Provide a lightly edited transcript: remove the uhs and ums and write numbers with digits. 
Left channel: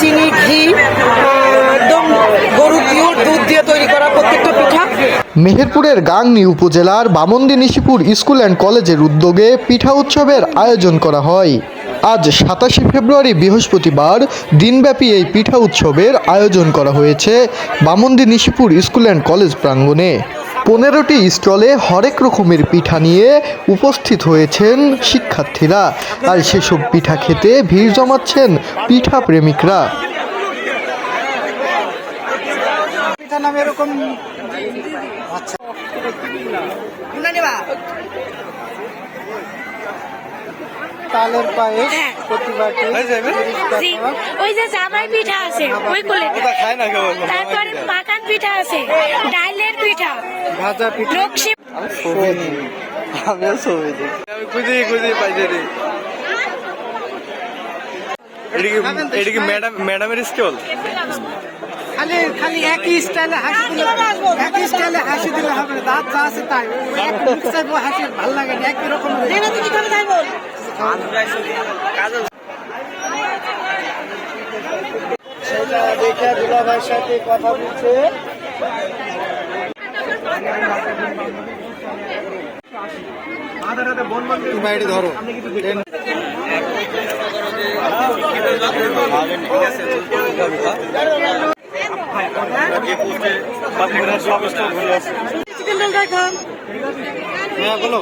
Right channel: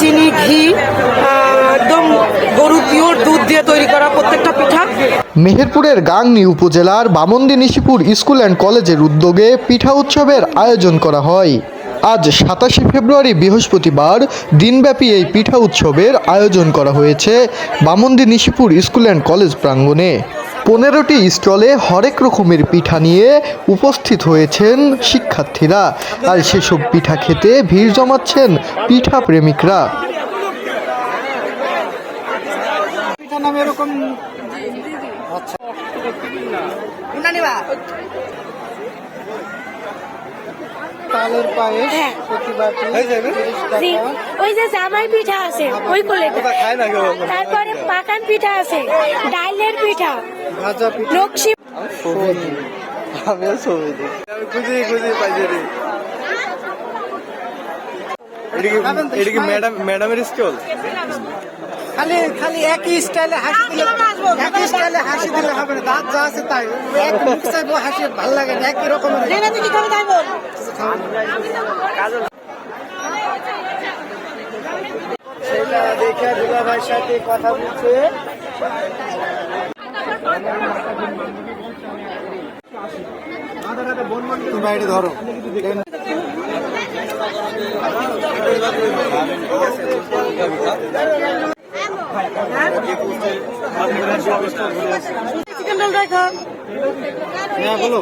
চিনি, ঘি, একদম গরুর পিওর দুধ দিয়ে তৈরি করা প্রত্যেকটা পিঠা। মেহেরপুরের গাংনী উপজেলার বামন্দি নিশিপুর স্কুল অ্যান্ড কলেজের উদ্যোগে পিঠা উৎসবের আয়োজন করা হয়। আজ 27 ফেব্রুয়ারি বৃহস্পতিবার দিনব্যাপী এই পিঠা উৎসবের আয়োজন করা হয়েছে Bamondi Nishipur school and college প্রাঙ্গণে। 15টি স্টলে হরেক রকমের পিঠা নিয়ে উপস্থিত হয়েছেন শিক্ষার্থীরা, আর সেসব পিঠা খেতে ভিড় জমাচ্ছেন পিঠা প্রেমিকরা। পিঠা নামে এরকম আচ্ছা তালের পায়েস ওই যে জামাই পিঠা আছে ওই কোলে, তারপরে পাকান পিঠা আছে, ডালের পিঠা, ভাজা পিঠা। লক্ষ্মী আমিও ছবি দিই, আমি খুঁজি পাইছি রে। এটা কি ম্যাডামের স্কুল? খালি একই স্টাইলে হাসি দিলে হবে না। দাঁত যা আছে তাই এক মুখ চাইবো হাসি ভালো লাগে না, একই রকম সেটা দেখে দুলা ভাইয়ের সাথে কথা বলছে। তুমি এটা ধরো। বলো